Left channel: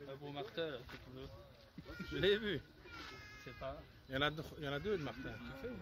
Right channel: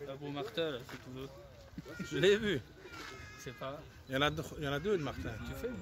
Un beau Martin, là, si tu veux. Je l'ai vu. C'est pas... Il y en a deux de Martin. Tu fais?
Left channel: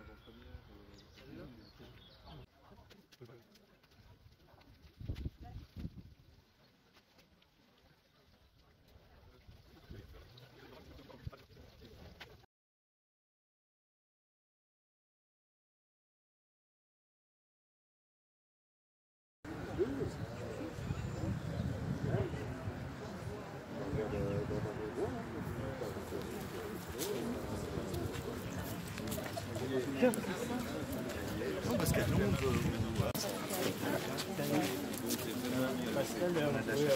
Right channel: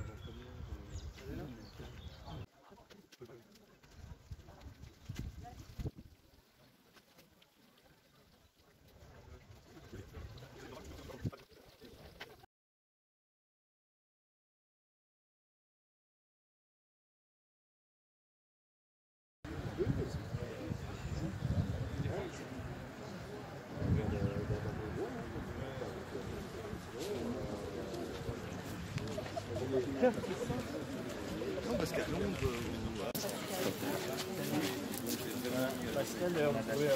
Pascal, on pouvait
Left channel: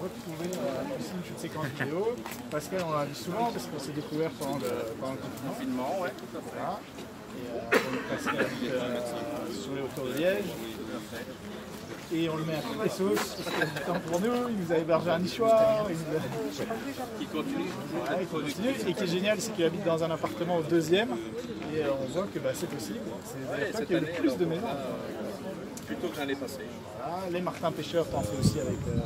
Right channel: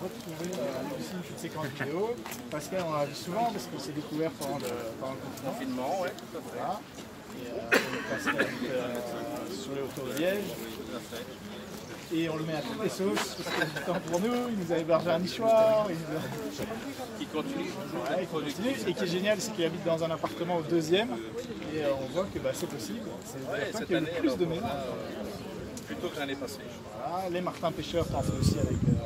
retrouver ici une séquence vidéo. Pascal, on l'a vu souvent parce qu'on s'est découvert pendant le confinement. Ouais, tout à fait. Voilà. Et donc Pascal sur les hauteurs de Liège. Et on le met à toutes les sauces, parce qu'il a du temps pour nous, il nous a hébergé un nichoir. Qui continue. Ouais, il continue. Et qui est génial, c'est qu'il habite dans un appartement au 2e. Et on voit que c'est possible. C'est la qu'il y a le plus de maisons. Plutôt que l'année passée. Voilà, les Martin Pêcheurs t'en fait aussi avec. Etc.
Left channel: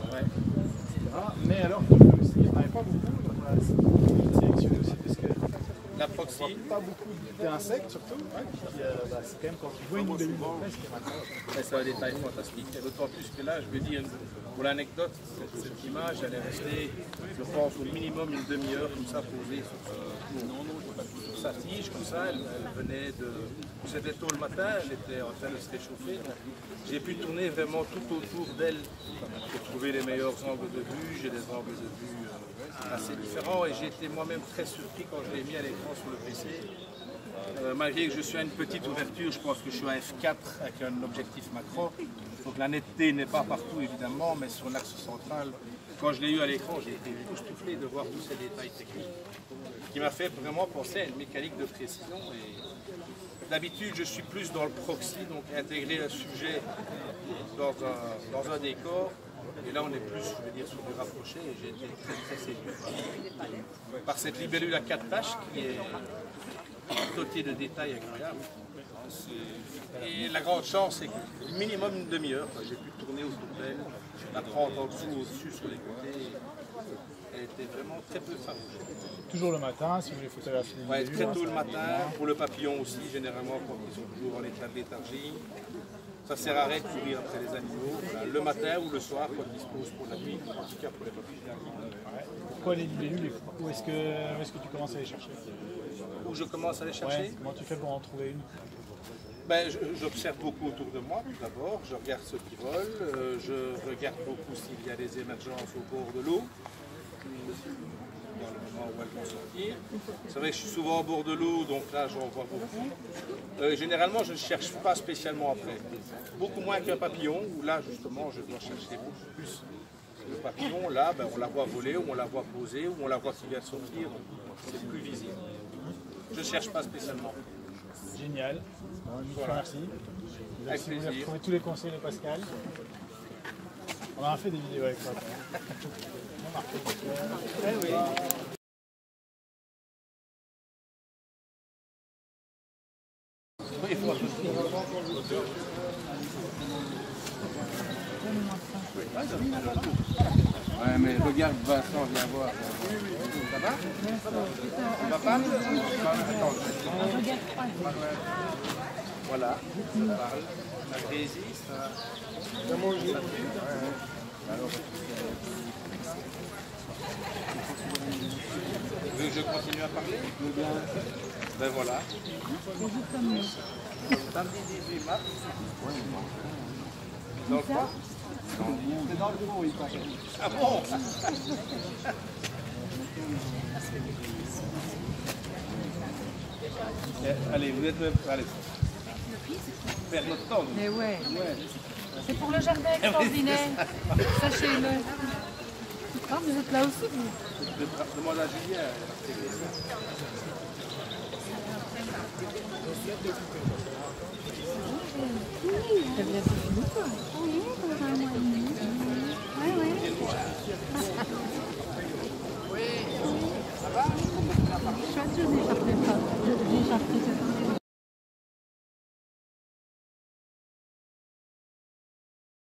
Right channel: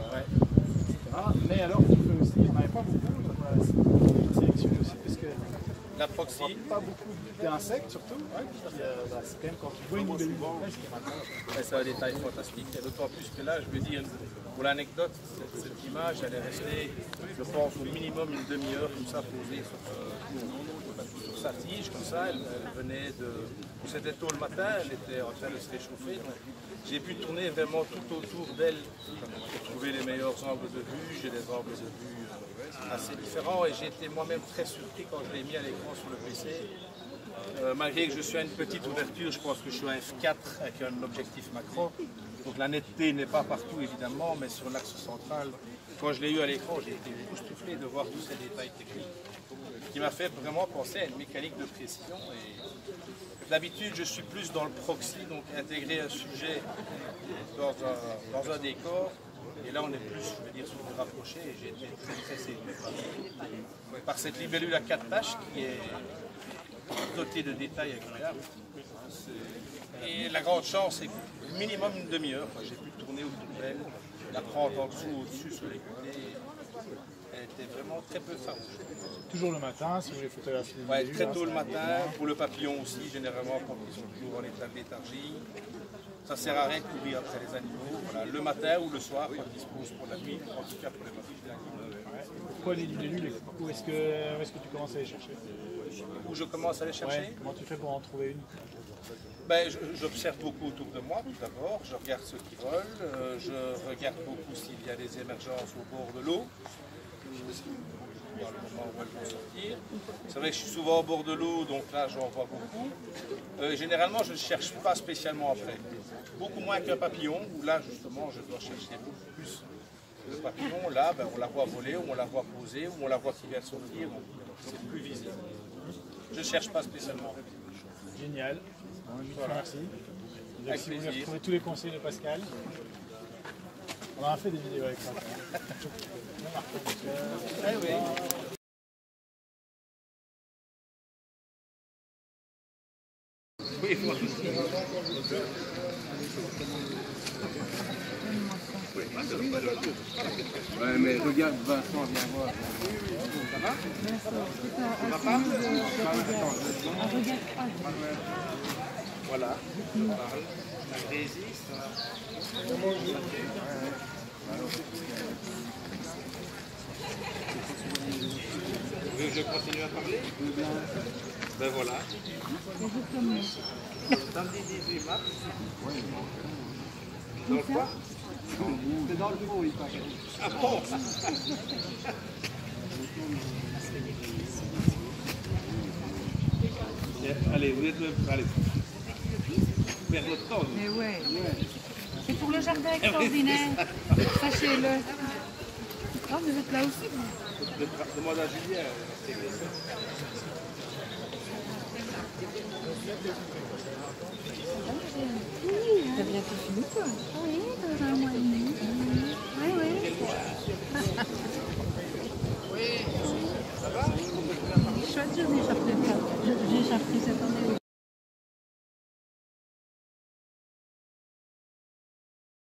Mais alors, on fait aussi, on n'avait pas beaucoup. Donc voilà, c'est la proxy. Pas beaucoup d'insectes surtout. Ouais, c'est quand même quand tu vois une libellule de pêche, c'est marrant. C'est un détail fantastique. Et d'autant plus que là, je veux dire, pour l'anecdote, cette image, elle est restée, je pense, au minimum une demi-heure comme ça posée sur sa tige, comme ça. Elle venait de. C'était tôt le matin, elle était en train de se réchauffer. Donc j'ai pu tourner vraiment tout autour d'elle pour trouver les meilleurs angles de vue. J'ai des angles de vue assez différents et j'ai été moi-même très surpris quand je l'ai mis à l'écran sur le PC. Malgré que je suis à une petite ouverture, je pense que je suis à F4 avec un objectif macro. Donc la netteté n'est pas partout évidemment, mais sur l'axe central, quand je l'ai eu à l'écran, j'ai été époustouflé de voir tous ces détails techniques, ce qui m'a fait vraiment penser à une mécanique de précision. D'habitude, je suis plus dans le proxy, donc intégrer un sujet dans un décor. Et là, on est plus, je vais dire, sur du rapproché. Et j'ai été très séduit par cette libellule à 4 taches qui est dotée de détails incroyables. Et la grande chance, c'est qu'au minimum une demi-heure, j'ai pu tourner autour d'elle, la prendre en dessous, au-dessus, sur les côtés. Elle était vraiment très peu farouche. Toujours le matin, si j'ai photographié. Ouais, très tôt le matin, pour le papillon aussi, généralement quand ils sont toujours en état de léthargie. Ça sert à rien de courir après les animaux. Voilà, le matin ou le soir, quand ils se posent pour la nuit, en tout cas pour les papillons. Ouais. Pourquoi les libellules? Où est-ce que tu commences à les chercher? Où je commence à les chercher? Ouais. Comment tu fais pour en trouver une? J'observe beaucoup autour de moi, tout d'abord. Je regarde ceux qui volent. Je regarde beaucoup s'il y a des émergences au bord de l'eau. Il y a le moment où elles vont sortir. C'est vrai que je suis souvent au bord de l'eau, donc là j'en vois beaucoup. Généralement, je ne cherche pas spécialement après. Beaucoup moins qu'un papillon, où là justement je dois chercher beaucoup plus. Le papillon, là, on la voit voler, ou on la voit poser, ou on la voit qui vient de sortir, donc c'est plus visible. Je ne cherche pas spécialement. Génial. Voilà. Merci. Avec si vous plaisir. voulez retrouver tous les conseils de Pascal, on a fait des vidéos avec toi. Oui. Oui, voilà. Ouais, mais regarde, Vincent, viens voir. Ça va? Ma femme? Voilà, on parle. La Grésie, ça va? Je continue à parler? Ben voilà. Samedi 18 mars. Donc quoi? C'est dans le trou, il paraît. Ah bon? Allez, vous êtes... Allez. Perdre notre temps. Mais ouais. C'est pour le jardin extraordinaire. Sachez-le. Oh, vous êtes là aussi. Demande à Julien. T'as bientôt fini, toi? Oui, dans un mois et demi. Oui. Ça va? Chouette, je n'échapperai pas. J'ai échappé cette année.